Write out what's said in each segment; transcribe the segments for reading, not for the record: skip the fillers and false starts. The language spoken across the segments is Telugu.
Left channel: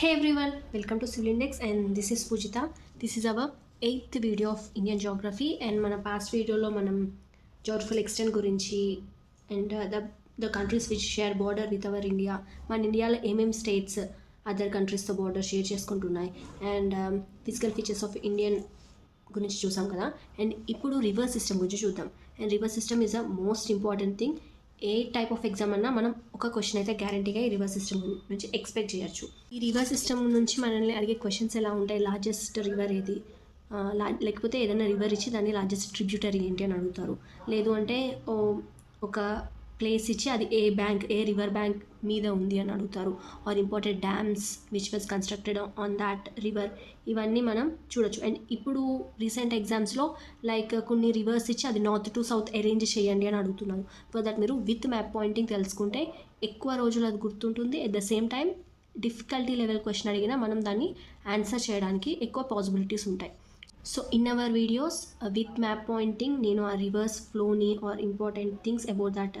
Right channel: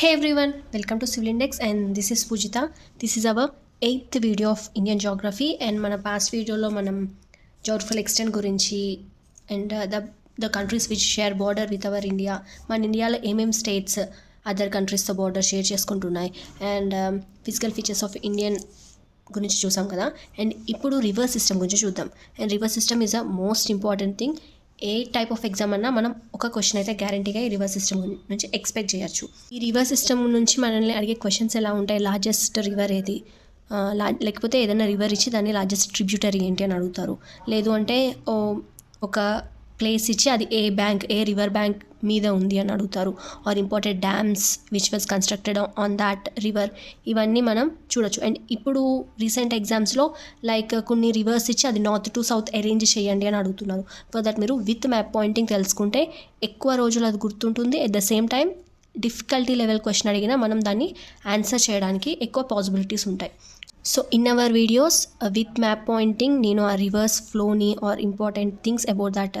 Hey everyone, welcome to Civil Index and this is Pujita. This is our 8th video of Indian geography and మన past videoలో మనం geographical extent గురించి and the countries which share border with our India, మన ఇండియాలో ఏమేం స్టేట్స్ అదర్ కంట్రీస్తో బార్డర్ షేర్ చేసుకుంటున్నాయి and physical features of Indian గురించి చూసాం కదా. అండ్ ఇప్పుడు రివర్ సిస్టమ్ గురించి చూద్దాం. And river system is a most important thing. A type of exam అన్నా మనం ఒక క్వశ్చన్ అయితే గ్యారంటీగా ఈ రివర్ సిస్టమ్ నుంచి ఎక్స్పెక్ట్ చేయొచ్చు. ఈ రివర్ సిస్టమ్ నుంచి మనల్ని అడిగే క్వశ్చన్స్ ఎలా ఉంటాయి, లార్జెస్ట్ రివర్ ఏది, లేకపోతే ఏదైనా రివర్ ఇచ్చి దాన్ని లార్జెస్ట్ ట్రిబ్యూటరీ ఏంటి అని అడుగుతారు. లేదు అంటే ఒక ప్లేస్ ఇచ్చి అది ఏ రివర్ బ్యాంక్ మీద ఉంది అని అడుగుతారు. Are important dams which was constructed on that river, ఇవన్నీ మనం చూడొచ్చు. అండ్ ఇప్పుడు రీసెంట్ ఎగ్జామ్స్లో లైక్ కొన్ని రివర్స్ ఇచ్చి అది నార్త్ టు సౌత్ అరేంజ్ చేయండి అని అడుగుతున్నారు. ఫర్ దట్ మీరు విత్ మ్యాప్ పాయింటింగ్ తెలుసుకుంటే ఎక్కువ రోజులు అది గుర్తుంటుంది. At the same time difficulty level question అడిగినా మనం దాన్ని ఆన్సర్ చేయడానికి ఎక్కువ పాసిబిలిటీస్ ఉంటాయి. So in our videos with map pointing నేను ఆ రివర్స్ ఫ్లోని are important things about that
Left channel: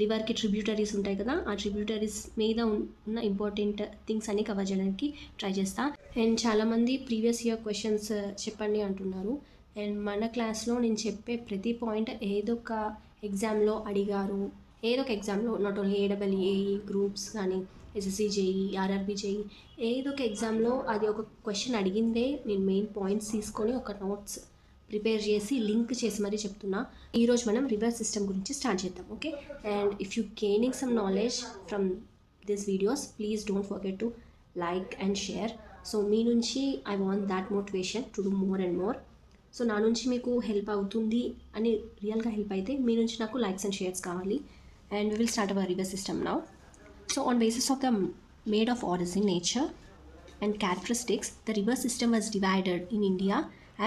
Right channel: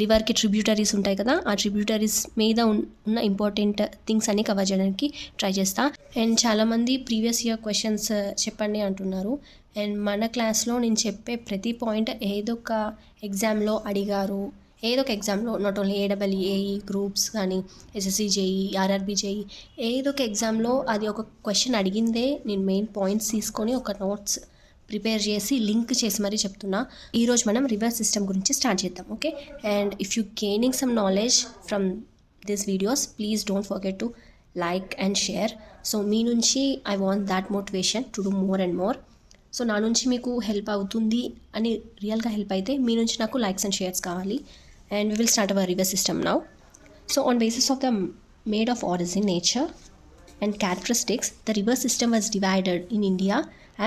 రివర్కి ట్రిబ్యూటరీస్ ఉంటాయి కదా, ఆ ట్రిబ్యూటరీస్ మీద ఉన్న ఇంపార్టెంట్ థింగ్స్ అన్ని కవర్ చేయడానికి ట్రై చేస్తా. అండ్ చాలామంది ప్రీవియస్ ఇయర్ క్వశ్చన్స్ చెప్పండి అంటున్నారు. అండ్ మన క్లాస్లో నేను చెప్పే ప్రతి పాయింట్ ఏదో ఒక ఎగ్జామ్లో అడిగారు, ఏదో ఒక ఎగ్జామ్లో, నాట్ ఓన్లీ ఏడబ్ల్యూఏఈ గ్రూప్స్ కానీ ఎస్ఎస్సి జేఈ, ఆర్ఆర్బీ జేఈ, ఏదో ఒక ఎగ్జామ్లో అది ఒక క్వశ్చన్ అడిగిందే నేను మెయిన్ పాయింట్స్ తీసుకొని ఒక నోట్స్ ప్రిపేర్ చేసి లింక్ చేసి మరీ చెప్తున్నా. ఈరోజు మనం రివర్ సిస్టమ్ గురించి స్టార్ట్ చేద్దాం. Okay, and if you gaining some knowledge from this videos please don't forget to like and share. So మీ నుంచి I want that motivation to do more and more. So నా నుంచి మీకు హెల్ప్ అవుతుంది అని రియల్గా హెల్ప్ అయితే మీ నుంచి నాకు లైక్స్ అండ్ షేర్స్ కావాలి. And we will start our river system now. So on basis of the made of origin, nature and characteristics, the river system was divided in India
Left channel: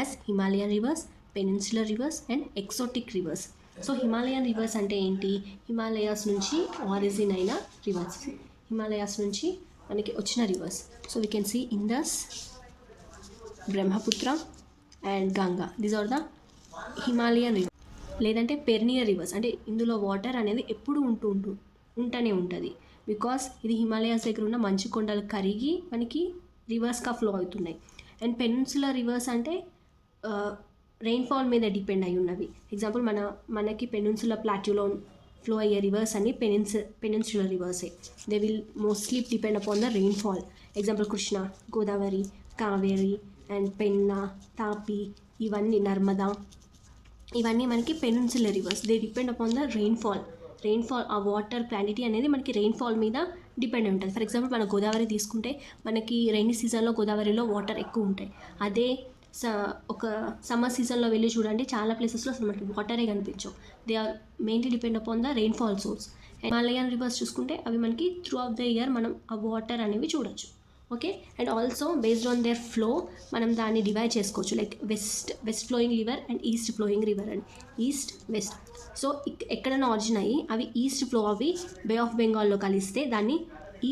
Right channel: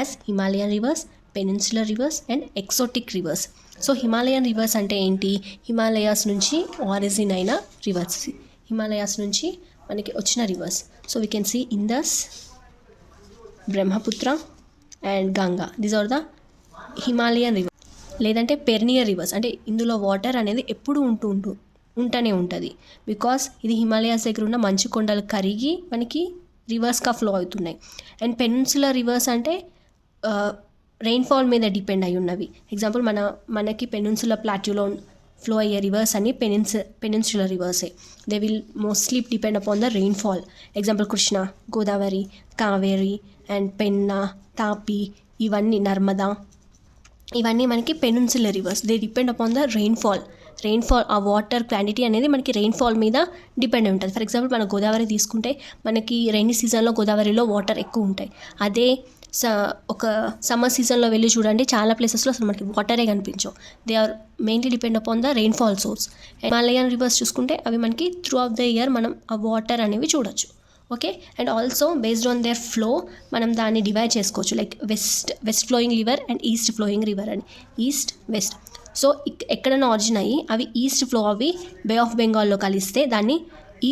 as Himalayan rivers, peninsular rivers and exotic rivers. So Himalayan rivers ante enti, Himalayas nunchi origin aina rivers, Himalayas nunchi manaki ochina rivers. So we can see Indus, Brahmaputra and Ganga. These are the Himalayan rivers. లేదంటే పెర్నియర్ రివర్స్, అంటే ఇందులో వాటర్ అనేది ఎప్పుడు ఉంటూనే ఉంటుంది. బికాస్ ఇది హిమాలయాస్ దగ్గర ఉన్న మంచు కొండలు కరిగి మనకి రివర్స్గా ఫ్లో అవుతున్నాయి. అండ్ పెనిన్సులర్ రివర్స్ అంటే రెయిన్ఫాల్ మీద డిపెండ్ అయి ఉన్నవి. ఎగ్జాంపుల్ మనకి పెనిన్సులర్ ప్లాట్యూలో ఫ్లో అయ్యే రివర్స్ అన్ని పెనిన్సులర్ రివర్సే. They will mostly depend upon the rainfall. Example Krishna, Godavari, Kaveri and Penna, Tapi, ఇవన్నీ నర్మదా, ఇవన్నీ మనకి peninsular rivers. They depend upon the rainfall. ఆ వాటర్ క్వాంటిటీ అనేది మనకి రెయిన్ఫాల్ మీద డిపెండ్ ఉంటుంది. ఫర్ ఎగ్జాంపుల్ మన గోదావరి తీసుకుంటే మనకి రైనీ సీజన్లో గోదావరిలో వాటర్ ఎక్కువ ఉంటాయి. అదే ఒక సమ్మర్ సీజన్లో వెళ్ళి చూడండి, చాలా ప్లేసెస్లో అసలు మనకి వాటరే కనిపించవు. They are mainly depend upon the rainfall source. Himalayan rivers చూసుకుంటే అవి మనకి త్రూ ఆఫ్ ద ఇయర్ మనం ఆ వాటర్ అనేవి చూడొచ్చు. Okay, and also based on their flow మనం దాన్ని డివైడ్ చేసుకోవచ్చు. Like west flowing river and east flowing river అని, ఈస్ట్ వెస్ట్. సో ఎక్కడైనా ఆరిజిన్ అయ్యి అవి ఈస్ట్ ఫ్లో అవి బే ఆఫ్ బెంగాల్లో కలిస్తే దాన్ని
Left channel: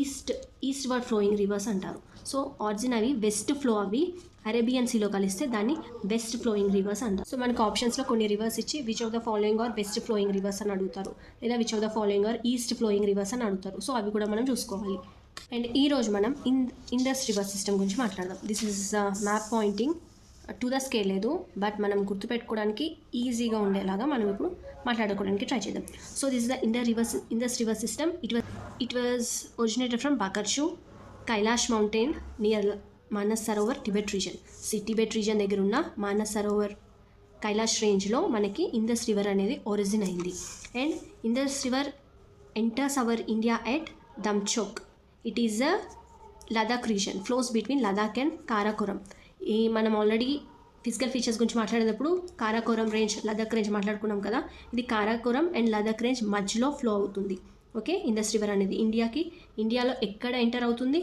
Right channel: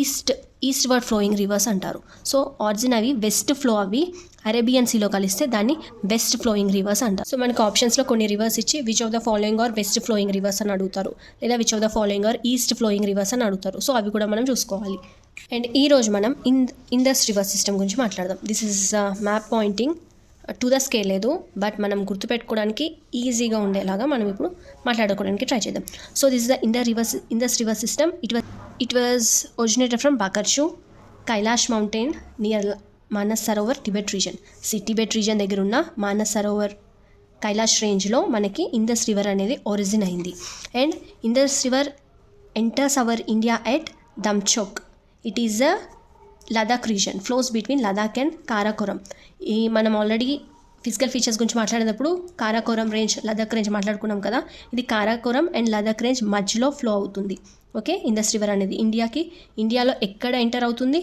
ఈస్ట్ వర్డ్ ఫ్లోయింగ్ రివర్స్ అంటారు. సో ఆరిజిన్ అవి వెస్ట్ ఫ్లో అవి అరేబియన్ సీలో కలిస్తే దాన్ని వెస్ట్ ఫ్లోయింగ్ రివర్స్ అంటారు. సో మనకి ఆప్షన్స్లో కొన్ని రివర్స్ ఇచ్చి which of the following are west flowing rivers అని అడుగుతారు, లేదా which of the following are east flowing rivers అని అడుగుతారు. సో అవి కూడా మనం చూసుకోవాలి. అండ్ ఈరోజు మనం ఇండస్ రివర్ సిస్టమ్ గురించి మాట్లాడదాం. This is map pointing to the scale లేదు, బట్ మనం గుర్తుపెట్టుకోవడానికి ఈజీగా ఉండేలాగా మనం ఇప్పుడు మాట్లాడుకోవడానికి ట్రై చేద్దాం. So this is the Indus river system. It was originated from బాకర్షు, Kailash mountain near Manas Sarovar, Tibet region. Tibet region దగ్గర ఉన్న మానస్ సరోవర్ కైలాష్ రేంజ్లో మనకి ఇండస్ రివర్ అనేది ఒరిజిన్ అయింది. And Indus river enters our India at Demchok. It is a Ladakh region, flows between Ladakh and Karakoram. మనం ఆల్రెడీ ఫిజికల్ ఫీచర్స్ గురించి మాట్లాడేటప్పుడు కారాకోరం రేంజ్, లదాఖ్ రేంజ్ మాట్లాడుకున్నాం కదా. ఇది కారాకోరం అండ్ లదాఖ్ రేంజ్ మధ్యలో ఫ్లో అవుతుంది. ఓకే, ఇండస్ రివర్ అనేది ఇండియాలో ఎక్కడ ఎంటర్ అవుతుంది?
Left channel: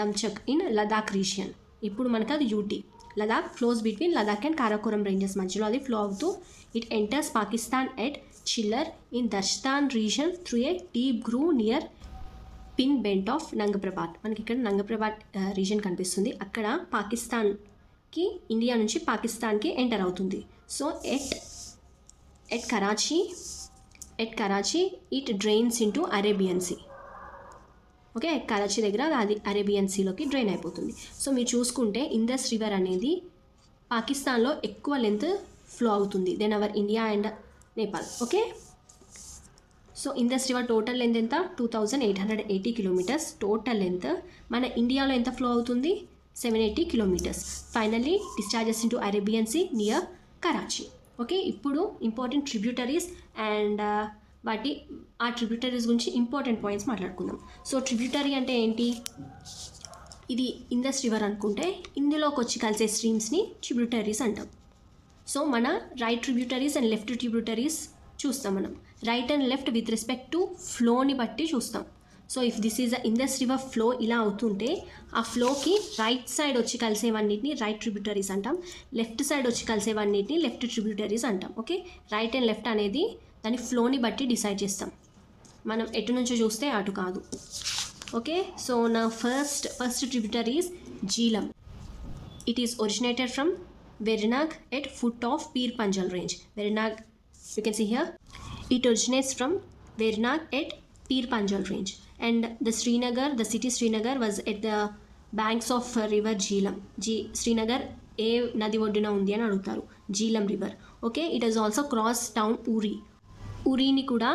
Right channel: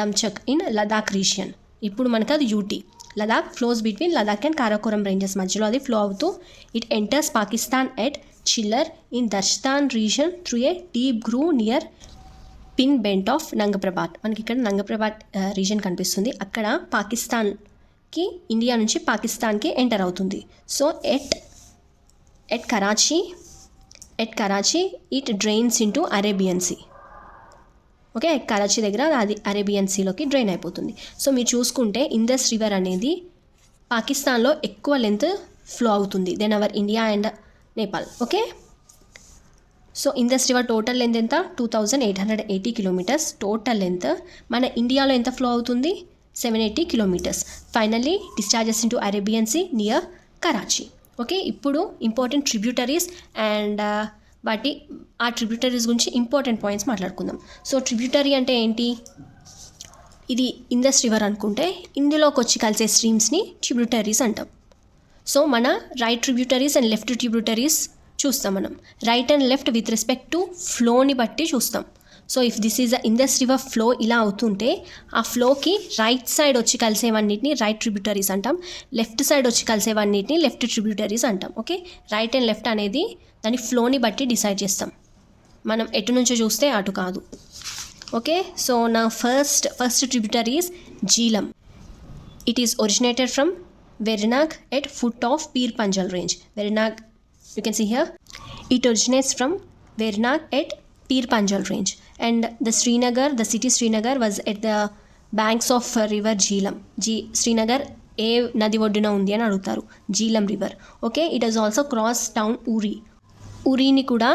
దమ్చక్ ఇన్ లదాఖ్ రీజియన్. ఇప్పుడు మనకు అది UT. Ladakh flows between Ladakh and Karakoram ranges మధ్యలో అది ఫ్లో అవుతూ it enters Pakistan at chiller in దర్స్తాన్ reason through a deep groove near pin bent of నంగప్రభాత్. మనకి ఇక్కడ నంగప్రభాత్ రీజన్ కనిపిస్తుంది. అక్కడ పాకిస్తాన్కి, ఇండియా నుంచి పాకిస్తాన్కి ఎంటర్ అవుతుంది. So at Karachi it drains into Arabian sea. Okay, Karachi దగ్గర అది అరేబియన్ సీలోకి డ్రైన్ అయిపోతుంది. సో మీరు చూసుకుంటే ఇండస్ రివర్ అనేది పాకిస్తాన్లో ఎక్కువ లెంత్ ఫ్లో అవుతుంది then our India and Nepal. Okay, so Indus river total length ఎంత? 2880 కిలోమీటర్స్ టోటల్ లెంత్. మన ఇండియాలో ఎంత ఫ్లో అవుతుంది? 780 kilometres. Finally discharges into Arabian sea near Karachi. Okay, ఇప్పుడు ఇంపార్టెంట్ ట్రిబ్యూటరీస్ అండ్ ఆ ట్రిబ్యూటరీస్ గురించి ఇంపార్టెంట్ పాయింట్స్ మాట్లాడుకుందాం. సో ట్రిబ్యూటరీ అంటే ఏంటి? ఇది ఇండస్ రివర్ అనుకుంటే ఇందులోకి వచ్చి కలిసే స్ట్రీమ్స్ని ట్రిబ్యూటరీస్ అంటాం. సో మన right tributaries and left tributaries చూస్తాం. మనం right and left with respect to ఫ్లోని బట్టి చూస్తాం. So if this is the Indus river flow ఇలా అవుతుంటే ఆ ఫ్లోకి రైట్ సైడ్ వచ్చి కలిసేవన్నిటిని రైట్ ట్రిబ్యూటరీస్ అంటాం, లెఫ్ట్ సైడ్ వచ్చి కలిసేవన్నిటిని లెఫ్ట్ ట్రిబ్యూటరీస్ అంటాం. ఓకే, రైట్ అండ్ లెఫ్ట్ అనేది దాని ఫ్లోని బట్టి డిసైడ్ చేస్తాం, మనం ఎటు నుంచో చూస్తే అటు కాదు. ఓకే, సో నా first tributary is Jhelum. It is originated from Verinag at foot of Pir Panjal range. Verinag, you can see here, it originates from Vernag at Pir Panjal range, and the city Srinagar was at the banks of river Jhelum. Srinagar ఏ నది ఒడ్డున ఉంది అని అడుగుతారు, Jhelum river. Okay, it has also cross town ఊరీని కూడా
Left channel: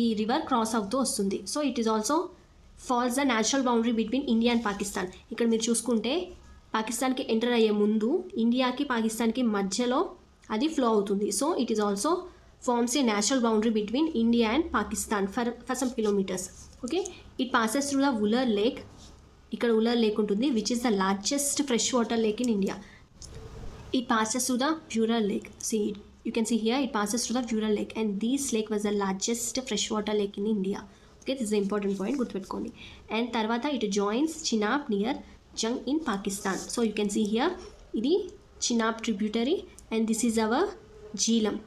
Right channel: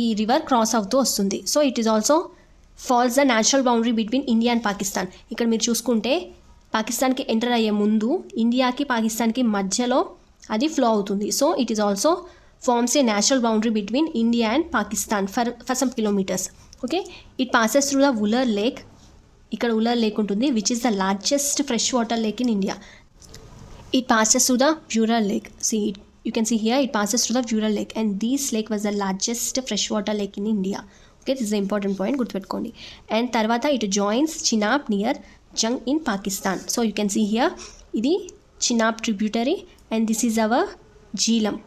ఈ రివర్ క్రాస్ అవుతూ వస్తుంది. So it is also falls the natural boundary between India and Pakistan. ఇక్కడ మీరు చూసుకుంటే పాకిస్తాన్కి ఎంటర్ అయ్యే ముందు ఇండియాకి పాకిస్తాన్కి మధ్యలో అది ఫ్లో అవుతుంది. So it is also forms a natural boundary between India and Pakistan for some kilometers. Okay, it passes through the Wular Lake. ఇక్కడ ఉలర్ లేక్ ఉంటుంది, which is the largest freshwater lake in India. It passes through the Bural Lake. See, you can see here, it passes through the Bural Lake, and this lake was the largest freshwater lake in India. Okay, this is the important point, గుర్తుపెట్టుకోండి. And తర్వాత it joins Chenab near Jung in Pakistan. So you can see here, ఇది Chenab tributary, and this is our Jhelum.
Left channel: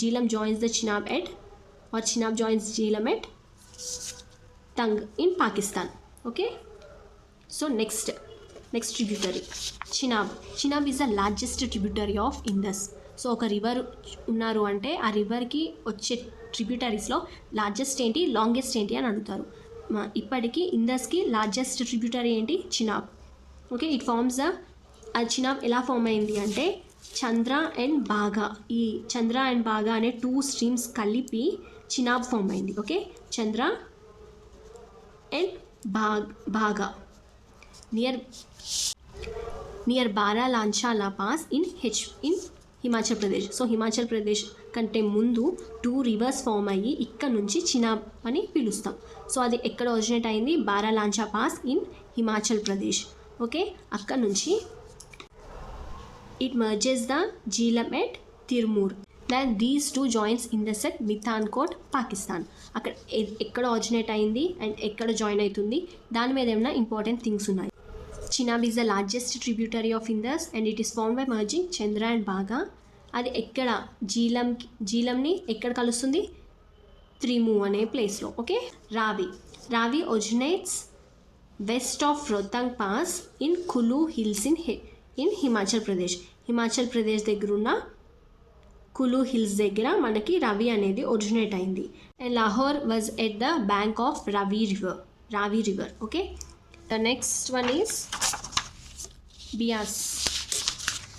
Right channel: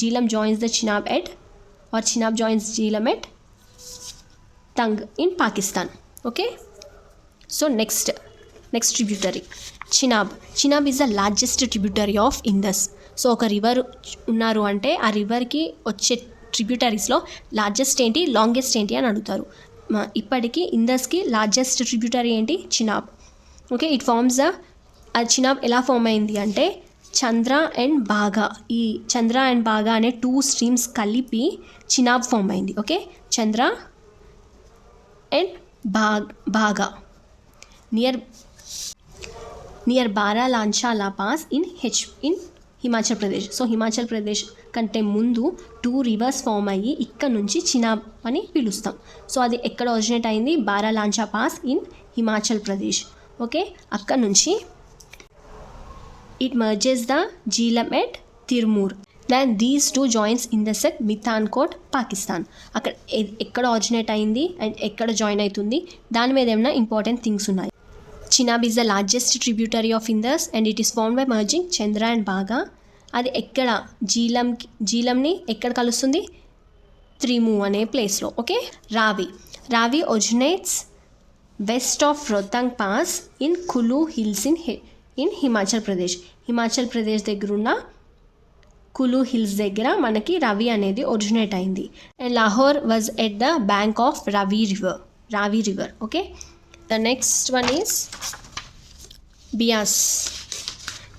Jhelum joins the Chenab Chenab joins Jhelum at Tung in Pakistan. Okay, so next tributary, Chenab is the largest tributary of Indus. So ఒక రివర్ ఉన్నారు అంటే ఆ రివర్కి వచ్చే ట్రిబ్యూటరీస్లో లార్జెస్ట్ ఏంటి, లాంగెస్ట్ ఏంటి అని అడుగుతారు. ఇప్పటికీ ఇండస్కి లార్జెస్ట్ ట్రిబ్యూటరీ ఏంటి? చినాబ్. ఓకే, ఇట్ ఫార్మ్స్ ఆ చినాబ్ ఎలా ఫామ్ అయింది అంటే చంద్ర అండ్ బాగా, ఈ చంద్ర అండ్ బాగా అనే 2 స్ట్రీమ్స్ కలిపి చినాబ్ ఫామ్ అయింది. Okay, Chandra and Bhaga near Baralacha pass in Himachal Pradesh. So Himachal Pradesh కంటే ముందు 2 రివర్స్ ఫామ్ అయ్యి ఇక్కడ నుంచి చినాబ్ అని పిలుస్తాం. సో అది ఎక్కడ ఒరిజినేట్ అయింది? Baralacha pass in Himachal Pradesh. Okay, అక్కడ నుంచి it merges the Jhelum at Tirmur. Then these two joins Indus at Mithankot, Pakistan. అక్కడ ఎక్కడ ఆరిజినేట్ అయింది అండ్ ఎక్కడ జాయిన్ అవుతుంది దాని మీద ఏమైనా ఇంపార్టెంట్ థింగ్స్ ఉన్నాయి. Chenab is the largest tributary of Indus and it is formed by merging Chandra and బాగా. అది ఎక్కడ జీలంని ఎక్కడ కలుస్తుంది? త్రిము అనే ప్లేస్లో. ఓకే, రావి originates west of Rohtang pass in Kullu hills in Himachal Pradesh దగ్గర ఉన్న కులు హిల్స్ దగ్గర మనకి రవి అనేది ఒరిజినేట్ అయింది. And Lahore was at the bank of Ravi river. Okay, the next one is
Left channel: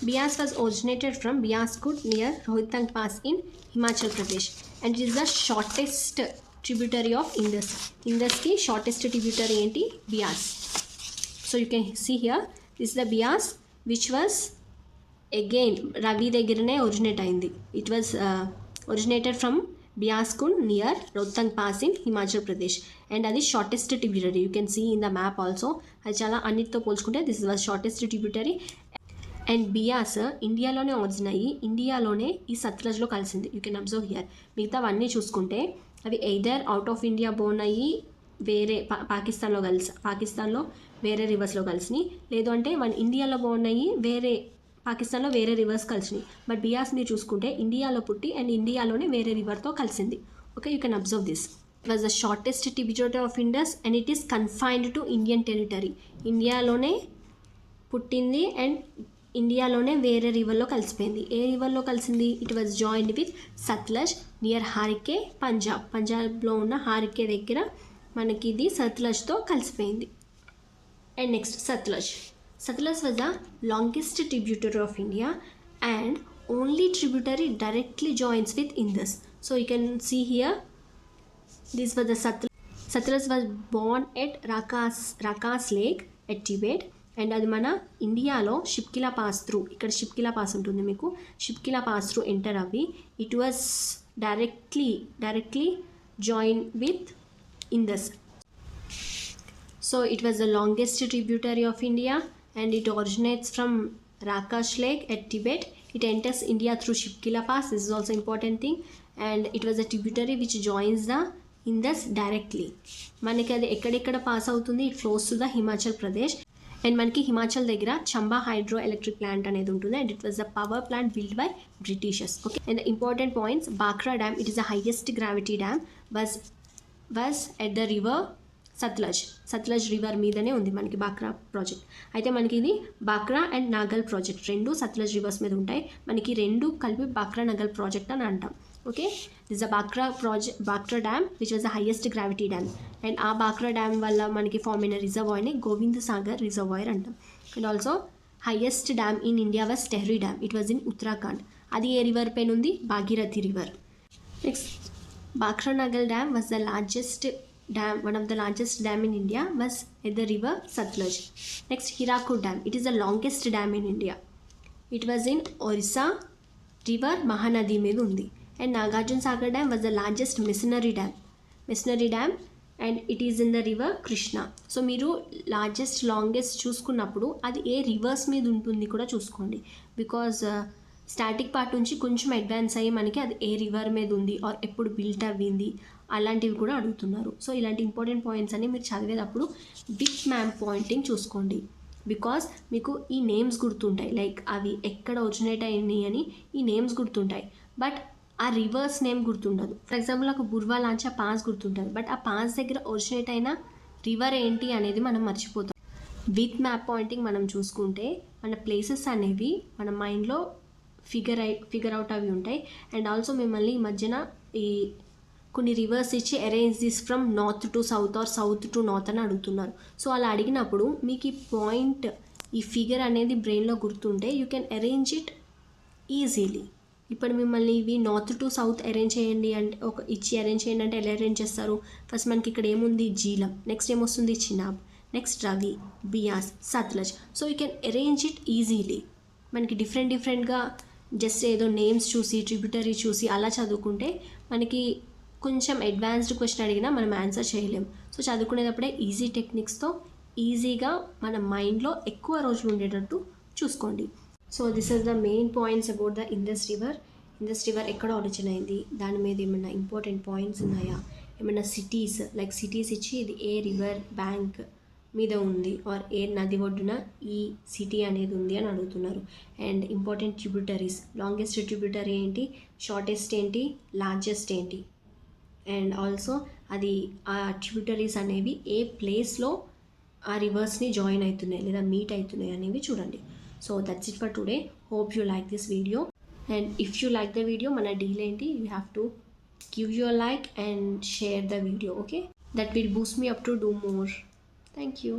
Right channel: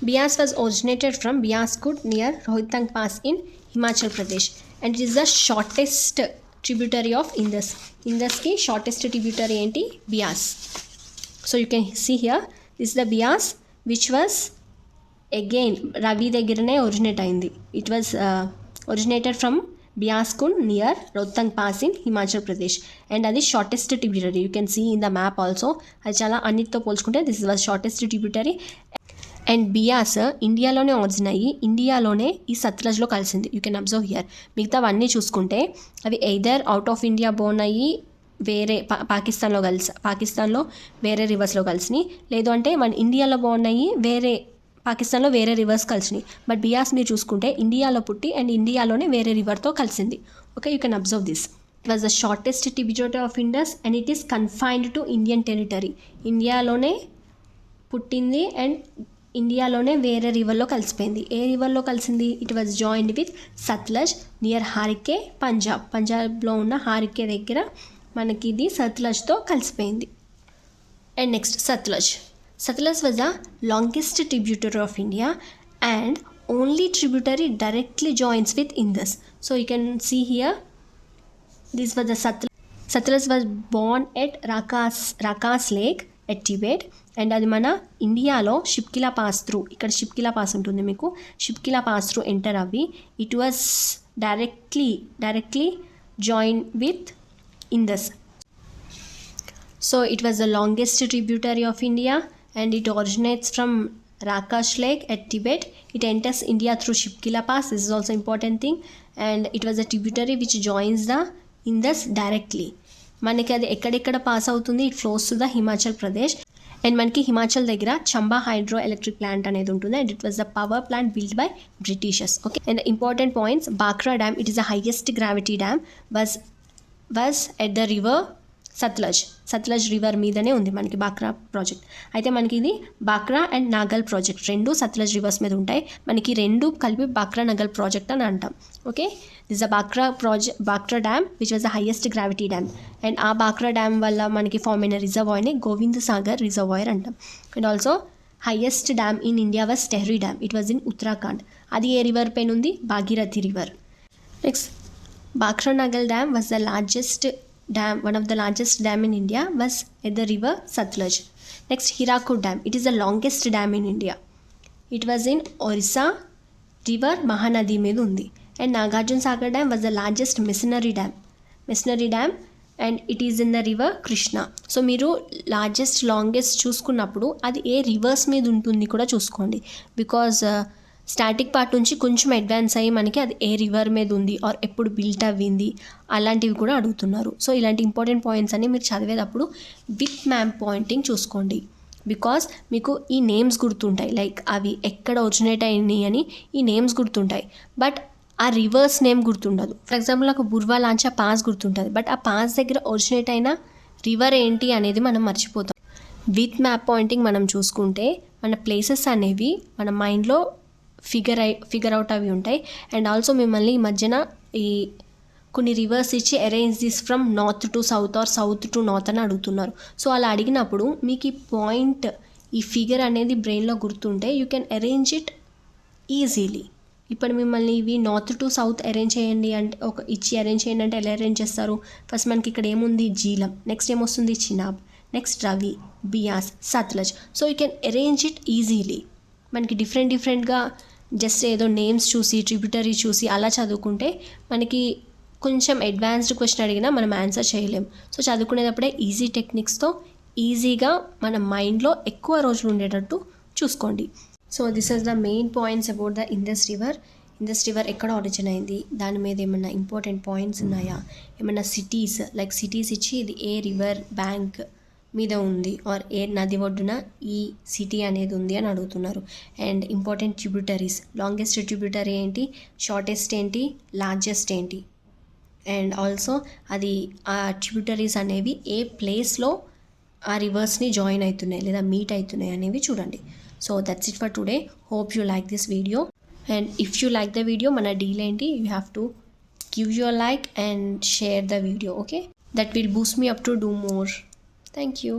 Beas was originated from Beaskund near Rohtang pass in Himachal Pradesh and it is the shortest tributary of ఇండస్కి షార్టెస్ట్ ట్రిబ్యూటరీ ఏంటి? Beas. So you can see here, this the Beas which was again Ravi దగ్గరనే ఒరిజినేట్ అయింది. It was originated from Beaskund near Rohtang pass in Himachal Pradesh and అది shortest tributary. You can see in the map also. అది చాలా అన్నిటితో పోల్చుకుంటే this was shortest tributary. And Beas ఇండియాలోనే ఒరిజిన్ అయ్యి ఇండియాలోనే ఈ సత్లజ్లో కలిసింది. You can observe here. మిగతావన్నీ చూసుకుంటే అవి either out of India born అయ్యి వేరే పాకిస్తాన్లో వేరే రివర్స్లో కలిసినాయి, లేదు అంటే మన ఇండియాలో బోర్న్ అయ్యి పాకిస్తాన్లో వేరే రివర్స్ కలిసినాయి. బట్ బియాస్ మీరు చూసుకుంటే ఇండియాలో పుట్టి అండ్ ఇండియాలోనే వేరే రివర్తో కలిసింది. Okay, you can observe this. It was the shortest tributary of Indus and it is confined to Indian territory. ఇండియాలోనే పుట్టింది అండ్ ఇండియాలోనే వేరే రివర్లో కలిసిపోయింది. ఏ రివర్లో కలిసింది? It was joined with Satluj near Harike, పంజాబ్లో ఉన్న హారికే దగ్గర మనకి ఇది సత్లజ్తో కలిసిపోయింది. And next Satluj was the longest tributary of India and only tributary directly joins with Indus. So you can see here, this was the Satluj was born at Rakas Lake at Tibet. And అది మన ఇండియాలో షిప్కిలా పాస్ త్రూ, ఇక్కడ షిప్కిలా పాస్ ఉంటుంది మీకు, షిప్కిలా పాస్ త్రూ ఎంటర్ అవ్వి it was directly join with Indus. So it was the longest tributary of India and it originates from Rakas Lake at Tibet. It enters India through Shipkila Pass. This is also important thing. And it was a tributary which joins the Indus directly. మనకి అది ఎక్కడెక్కడ పాస్ అవుతుంది, it flows to the Himachal Pradesh. And మనకి హిమాచల్ దగ్గర చంబా హైడ్రో ఎలక్ట్రిక్ ప్లాంట్ అనేది ఉంటుంది. And it was the power plant build by britishers. Okay, and important points, Bhakra dam, it is the highest gravity dam, was at the river Satluj river మీదనే ఉంది మనకి బాక్రా ప్రాజెక్ట్. అయితే మనకి ఇది బాక్రా అండ్ నాగల్ ప్రాజెక్ట్, రెండు సత్లజ్ రివర్స్ మీద ఉంటాయి. మనకి రెండు కలిపి బాక్రా నాగల్ ప్రాజెక్ట్ అని అంటాం. Okay, this the Bhakra dam which was the highest gravity dam. And ఆ బాక్రా డ్యామ్ వల్ల మనకి ఫామ్ అయిన రిజర్వాయర్ని గోవింద్ సాగర్ రిజర్వాయర్ అంటాం. And also highest dam in India was Tehri dam. It was in Uttarakhand. అది ఏ రివర్ పైన ఉంది? Bhagirathi river. Next, Bhakra Nangal dam was the largest dam, one of the largest dam in India was at the river Satluj. Next, Hirakud Dam. It is the longest dam in India. It was in Orissa river Mahanadi మీద ఉంది. And Nagarjuna Sagar Dam was the largest missionary dam and it is in the river Krishna. So మీరు లాంగెస్ట్ చూసుకున్నప్పుడు అది ఏ రివర్స్ మీద ఉంటుంది కూడా చూసుకోండి. బికాజ్ స్టాటిక్ పార్ట్ నుంచి కొంచెం అడ్వాన్స్ అయ్యి మనకి అది ఏ రివర్ మీద ఉంది ఆర్ ఎప్పుడు బిల్ట్ అవ్వింది అలాంటివి కూడా అడుగుతున్నారు. సో ఇలాంటి ఇంపార్టెంట్ పాయింట్స్ అన్ని మీరు చదివేటప్పుడు విత్ మ్యాప్ పాయింటింగ్ చూసుకోండి. బికాజ్ మీకు ఈ నేమ్స్ గుర్తుంటాయి, లైక్ అవి ఎక్కడ ఒరిజినేట్ అయినాయి అని ఈ నేమ్స్ గుర్తుంటాయి, బట్ ఆ రివర్స్ నేమ్ గుర్తుండదు. ఫర్ ఎగ్జాంపుల్ నాకు బుర్వా లాంచా పాస్ గుర్తుంటుంది, బట్ ఆ పాస్ దగ్గర ఒరిజినేట్ అయిన రివర్ ఏంటి అనేది మనం మర్చిపోతాం. విత్ మ్యాప్ పాయింటింగ్ మనం చూసుకుంటే మన ప్లేసెస్ అనేవి మన మైండ్లో ఫిగర్ అవుట్ అవి ఉంటాయి. అండ్ ఆల్సో మిమ్మల్ని ఈ మధ్యన ఈ కొన్ని రివర్స్ ఇచ్చి arrange this from north to south or south to north అని అడుగుతున్నారు. సో అలా అడిగినప్పుడు మీకు ఈ పాయింట్, ఈ ఫిగర్ అనేది బ్రెయిన్లో గుర్తుంటే you can arrange it easily. ఇప్పుడు మిమ్మల్ని ఇవి నార్త్ టు సౌత్ అరేంజ్ చేయండి అంటే అరేంజ్ చేయండి అంటే ఎలా అరేంజ్ చేస్తారు? ఫస్ట్ మనకి ఇక్కడ ఏముంది? జీలం. నెక్స్ట్ ఏమొస్తుంది? Chenab. Next Ravi, Beas, Satluj. So you can arrange it easily. మనకి డిఫరెంట్గా జస్ట్ ఏదో నేమ్స్ చూసి ట్రిబ్యూటరీ చూసి అలా చదువుకుంటే మనకి కొంచెం అడ్వాన్స్డ్ క్వశ్చన్ అడిగినా మనం ఆన్సర్ చేయలేం. సో చదువుకునేటప్పుడే ఈజీ టెక్నిక్స్తో ఈజీగా మన మైండ్లో ఎక్కువ రోజులు ఉండేటట్టు చూసుకోండి. So this is the main points about the Indus river ఎక్కడ ఆరిజిన్ అయింది, దాని మీద ఏమైనా ఇంపార్టెంట్ పాయింట్స్ ఉన్నాయా, ఏమైనా సిటీస్ ఇచ్చి ఇది ఏ రివర్ బ్యాంక్ మీద ఉంది ఆర్ ఏ నది ఒడ్డున ఈ సిటీ అనేది ఉంది అని అడుగుతున్నారు. And important tributaries, longest tributary ఏంటి, షార్టెస్ట్ ఏంటి, లార్జెస్ట్ ఏంటి, అండ్ ఆల్సో అది ఆ ట్రిబ్యూటరీస్ అనేవి ఏ ప్లేస్లో ఆ రివర్స్ని జాయిన్ అవుతున్నాయి లేదా మీట్ అవుతున్నాయి అనేవి చూడండి. So that's it for today. Hope you like this video. And if you like the video, మన డీల్ ఏంటి, you have to give your like and share the video. Okay, that will Boost me up to do more. Thank you.